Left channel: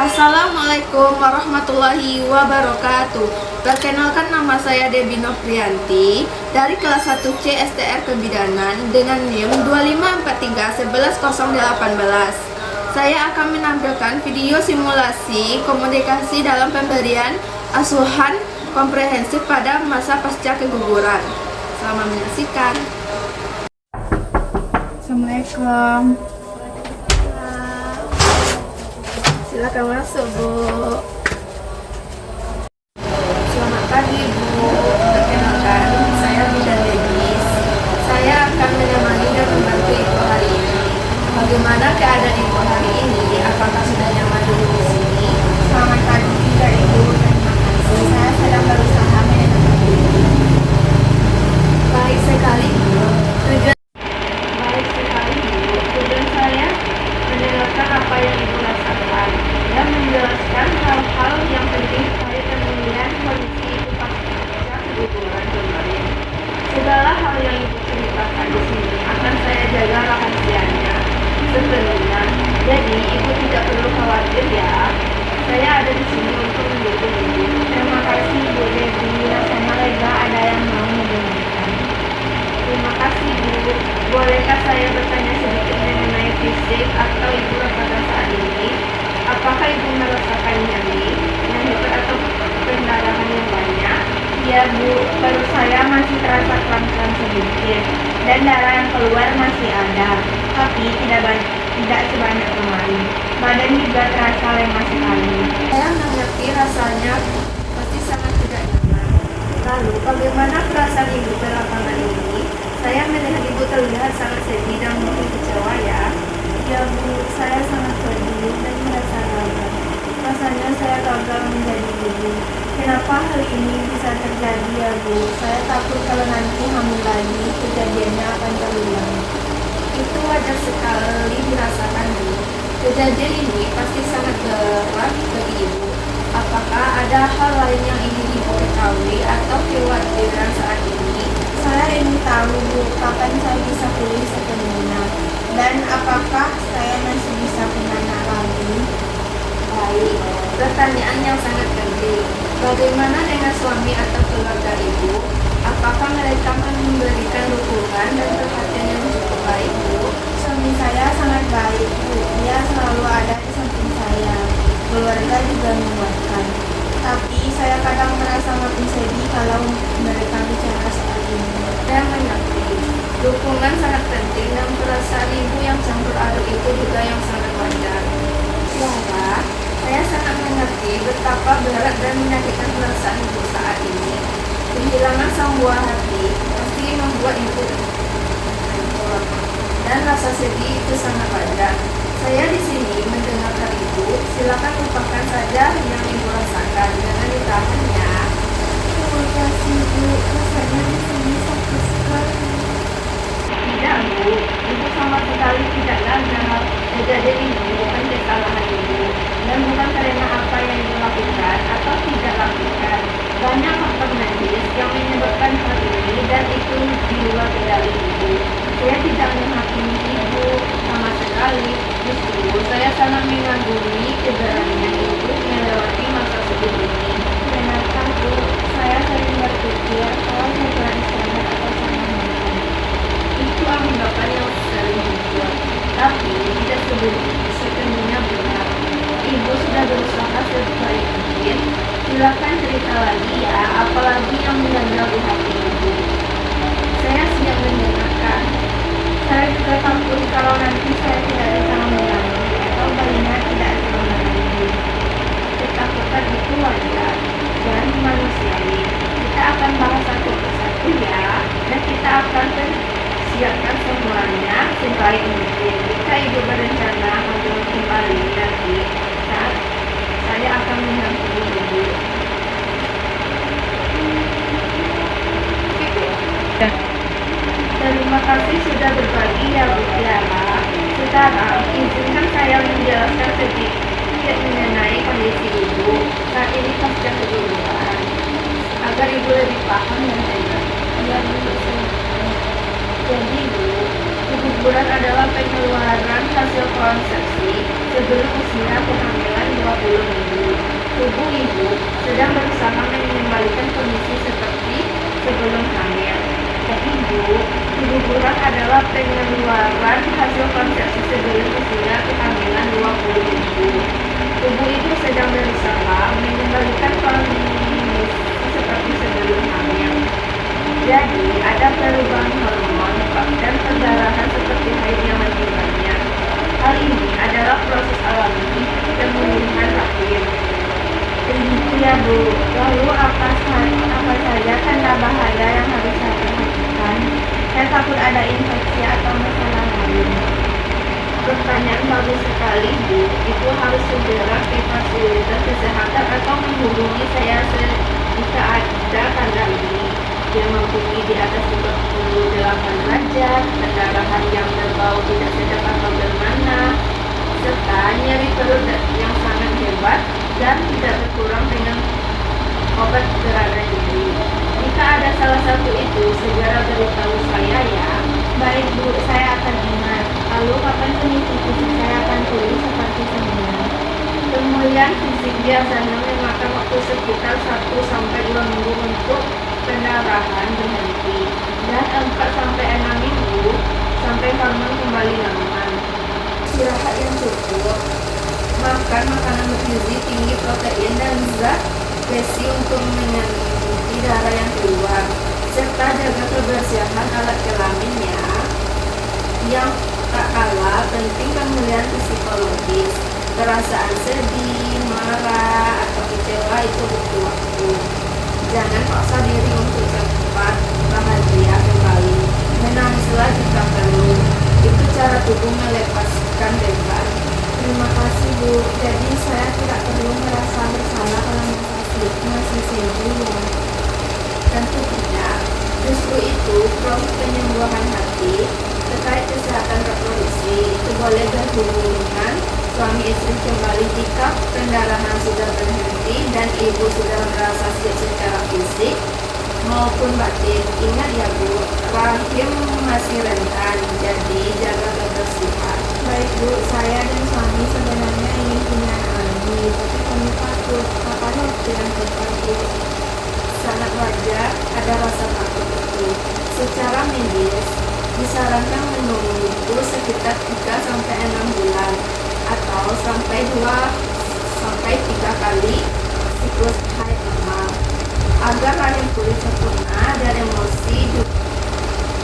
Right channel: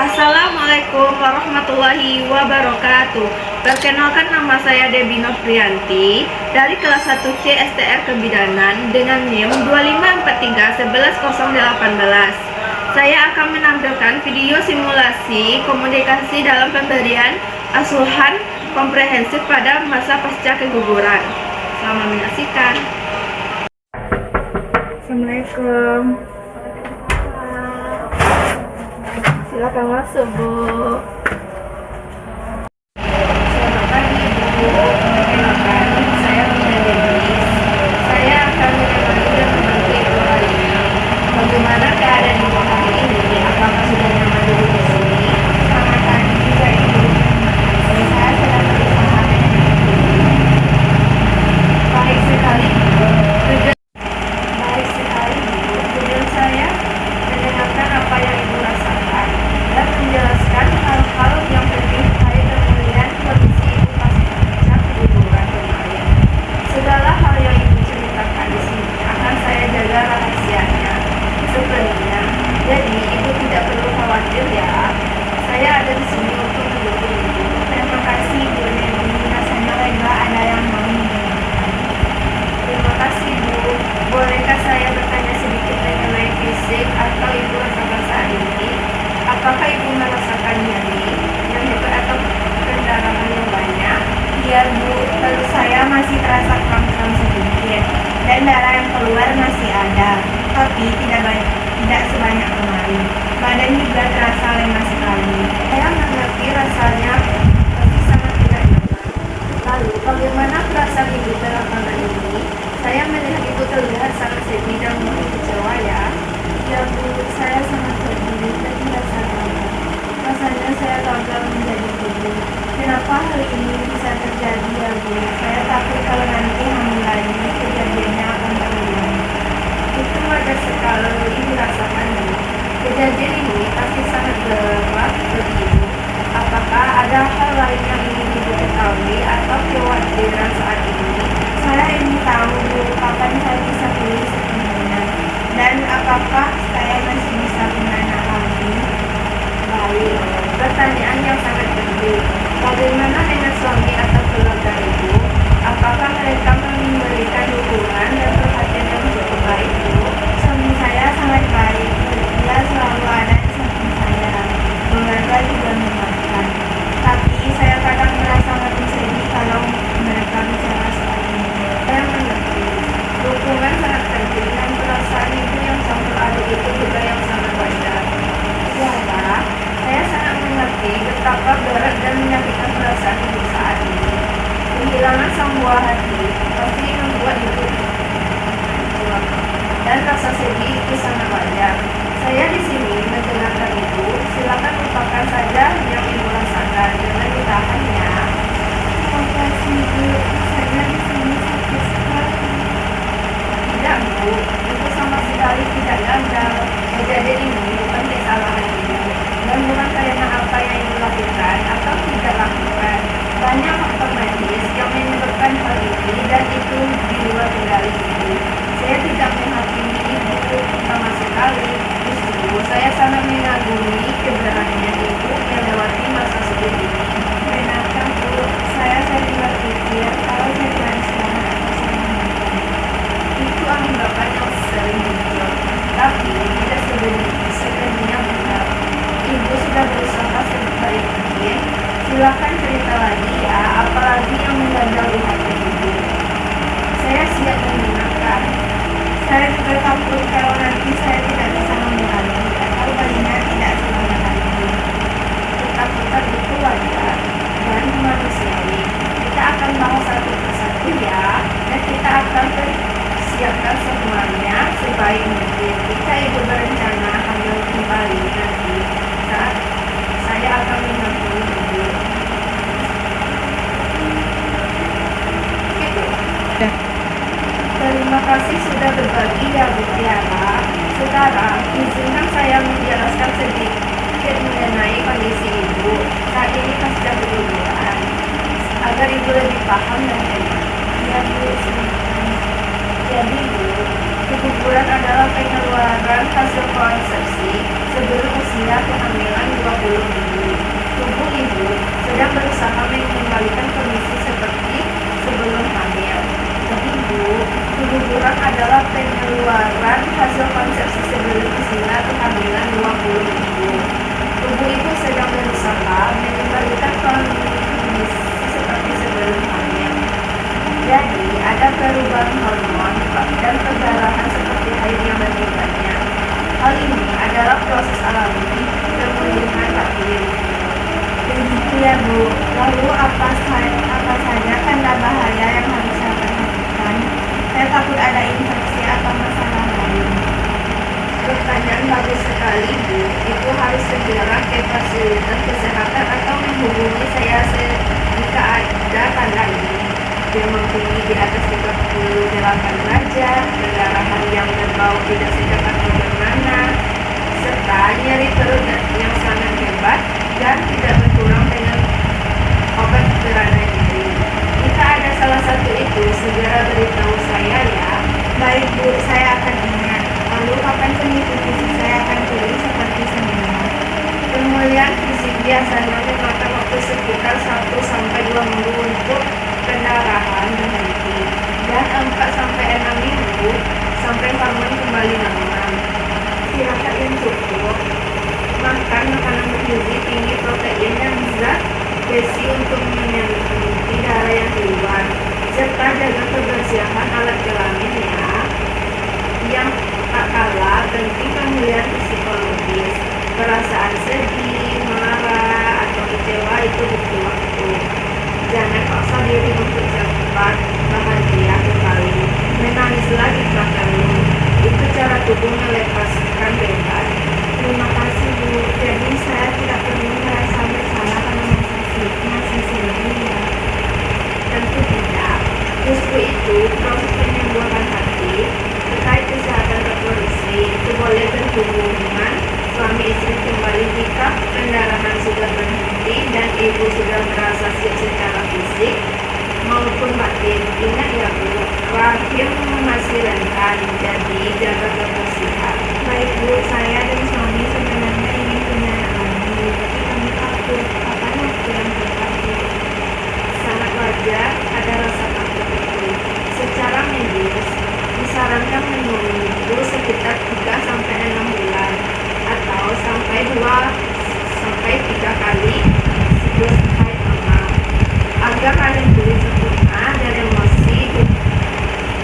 Assalamualaikum warahmatullahi wabarakatuh. Perkenalkan, nama saya Debbie Novrianti dari kelas 1C STR Kebidanan dengan NIM 25431108. Saya akan menampilkan video simulasi komunikasi dalam pemberian asuhan komprehensif pada masa pasca keguguran. Selamat menyaksikan. Assalamualaikum. Silakan masuk, Bu. Selamat pagi, Bu. Perkenalkan, saya Bunda Denis. Saya akan menemani dan membantu Ibu hari ini. Bagaimana keadaan Ibu hari ini? Apakah sudah nyaman dulu di sini? Selamat pagi juga Ibu. Terima kasih. Saya sedang berusaha menyembuhkan diri. Baik sekali, Bu. Tujuan saya mendengarkan apa yang Ibu rasakan dan menjelaskan hal-hal yang penting terkait pemulihan kondisi Ibu pasca keguguran kemarin. Segala hal yang Ibu ceritakan di sini akan saya jaga rahasianya sepenuhnya. Jadi Ibu tidak perlu khawatir ya. Saya ada di sini untuk mendukung Ibu. Terima kasih Bu Debbie. Rasanya lega ada yang mau mendengarkan. Terima kasih, Bu. Bolehkah saya bertanya sedikit mengenai fisik atau Ibu rasakan saat ini? Apakah Ibu merasakan nyeri, nyeri atau pendarahan yang banyak? Iya Bu, perut saya masih terasa kram-kram sedikit dan darah yang keluar masih ada, tapi tidak sebanyak kemarin. Badan juga terasa lemas sekali. Saya mengerti rasanya pasti sangat tidak nyaman. Lalu, bagaimana perasaan Ibu belakangan ini? Saya melihat Ibu terlihat sangat sedih dan mungkin kecewa ya. Ya Bu, saya sangat sedih dan merasa gagal. Rasanya saya gagal menjadi ibu. Kenapa hal ini bisa terjadi ya Bu? Saya takut kalau nanti hamil lagi kejadiannya akan terulang. Itu wajar sekali dirasakan, Bu. Kejadian ini pasti sangat berat bagi Ibu. Apakah ada hal lain yang ingin Ibu ketahui atau kekhawatiran saat ini? Saya ingin tahu Bu, kapan saya bisa pulih sepenuhnya dan apakah saya masih bisa punya anak lagi? Baik, pertanyaan yang sangat penting. Bagaimana dengan suami atau keluarga Ibu? Apakah mereka memberikan dukungan dan perhatian yang cukup baik, Bu? Suami saya sangat baik Bu, dia selalu ada di samping saya. Keluarga juga menguatkan. Tapi saya kadang merasa makin sedih kalau mereka bicara soal ini. Saya mengerti. Dukungan sangat penting dan perasaan Ibu yang campur aduk itu juga yang sangat wajar. Ya, saya sangat mengerti betapa berat dan menyakitkan perasaan Ibu saat ini. Kehilangan sang buah hati pasti membuat Ibu hancur. Dan rasa sedih itu sangat wajar. Saya di sini mendengarkan Ibu. Silakan lupakan saja yang Ibu rasakan. Jangan ditahan ya. Terima kasih Bu, rasanya di sini sakit sekali. Tidak, Bu. Ibu sama sekali tidak gagal. Kejadian ini bukan kesalahan Ibu dan bukan karena apa yang Ibu lakukan atau tidak lakukan. Banyak faktor medis yang menyebabkan hal ini dan itu di luar kendali Ibu. Saya tidak menghakimi Ibu sama sekali. Justru saya sangat mengagumi keberanian Ibu melewati masa sedih ini. Benarkah Bu, saya sering berpikir kalau saya kurang istirahat atau saya makan. Itu anggapan yang sering muncul, tapi tidak sepenuhnya benar. Ibu sudah berusaha sebaik mungkin. Silakan cerita lagi ya, apalagi yang mengganjal di hati Ibu. Saya siap mendengarkan. Saya juga takut kalau nanti saya tidak bisa menjalani atau bayinya tidak semangat lagi. Ketakutan itu wajar dan manusiawi. Kita akan bahas satu persatu ya, dan kita akan siapkan semuanya sebaik mungkin. Jika Ibu berencana hamil kembali nanti saat saya akan mendampingi Ibu. Gitu. Terima kasih sudah berbagi ya Bu Tiara. Sekarang izinkan saya menjelaskan sedikit mengenai kondisi Ibu saat ini pasca keguguran agar Ibu lebih paham dan enak. Ya Bu, Jadi Bu, keguguran adalah pengeluaran hasil konsepsi sebelum usia kehamilan 2 20 minggu. Tubuh ibu sedang berusaha mengembalikan kondisi seperti sebelum hamil. Jadi Bu, keguguran adalah pengeluaran hasil konsepsi sebelum usia kehamilan 20 minggu. Tubuh ibu sedang berusaha mengembalikan kondisi seperti sebelum hamil. Jadi, ada perubahan hormon dan perdarahan seperti haid yang lebih banyak. Hal ini adalah proses alami pemulihan hakim. Begitu ya Bu. Lalu apa saja tanda bahaya yang harus saya perhatikan? Saya takut ada infeksi atau masalah lain. Pertanyaan bagus sekali Bu. Ibu harus segera ke fasilitas kesehatan atau menghubungi saya jika ada tanda ini. Demam tinggi di atas 38 derajat, pendarahan yang berbau tidak sedap atau bermana, serta nyeri perut yang sangat hebat dan tidak berkurang dengan obat berada nyeri. Jika ada salah satu itu, segera beritahu saya ya. Baik Bu, saya akan ingat. Lalu kapan kondisi fisik saya akan pulih seperti semula? Pemulihan fisik biasanya memakan waktu sekitar 1-2 minggu untuk pendarahan berhenti dan 4-6 minggu sampai hormon kembali normal. Istirahat yang cukup, makan makanan bergizi tinggi protein dan zat besi untuk mengenai darah yang keluar, serta jaga kebersihan alat kelamin ya. Yang tak kalah penting pemulihan psikologis. Perasaan sedih, marah, atau kecewa itu butuh waktu. Jangan paksa diri untuk cepat bahagia kembali. Menangislah jika perlu. Itu cara tubuh melepaskan beban. Terima kasih Bu. Jadi saya tidak perlu merasa bersalah karena masih sedih ya. Tentu tidak. Justru itu proses penyembuhan hati terkait kesehatan reproduksi itu boleh berhubungan suami istri kembali jika pendarahan sudah berhenti dan ibu sudah merasa siap secara fisik maupun batin. Ingat ya Bu, rahim masih rentan, jadi jaga kebersihan. Baik Bu, saya dan suami sebenarnya ingin punya anak lagi, tapi kami takut. Kapan waktu yang tepat Bu? Sangat wajar ada rasa takut itu. Secara medis, disarankan menunggu sekitar 3-6 bulan atau sampai 2-3 kali siklus haid normal agar rahim pulih sempurna dan emosi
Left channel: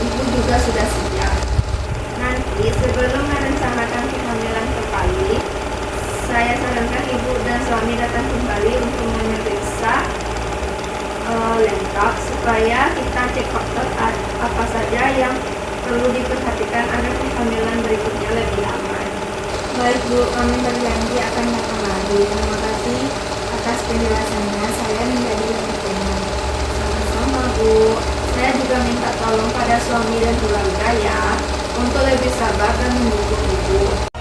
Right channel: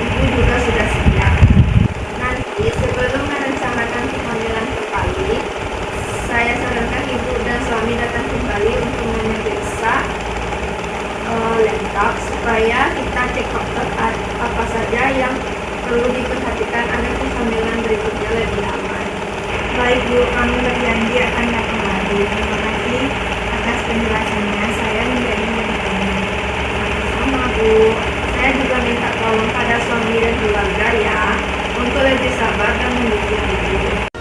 ibu juga sudah siap. Nanti sebelum merencanakan kehamilan kembali, saya sarankan ibu dan suami datang kembali untuk memeriksa lengkap supaya kita cek faktor apa saja yang perlu diperhatikan agar kehamilan berikutnya lebih aman. Baik Bu, kami berjanji akan datang lagi. Terima kasih atas penjelasannya. Saya menjadi lebih tenang. Sama-sama Bu. Saya juga minta tolong pada suami dan keluarga ya untuk lebih sabar dan mendukung ibu.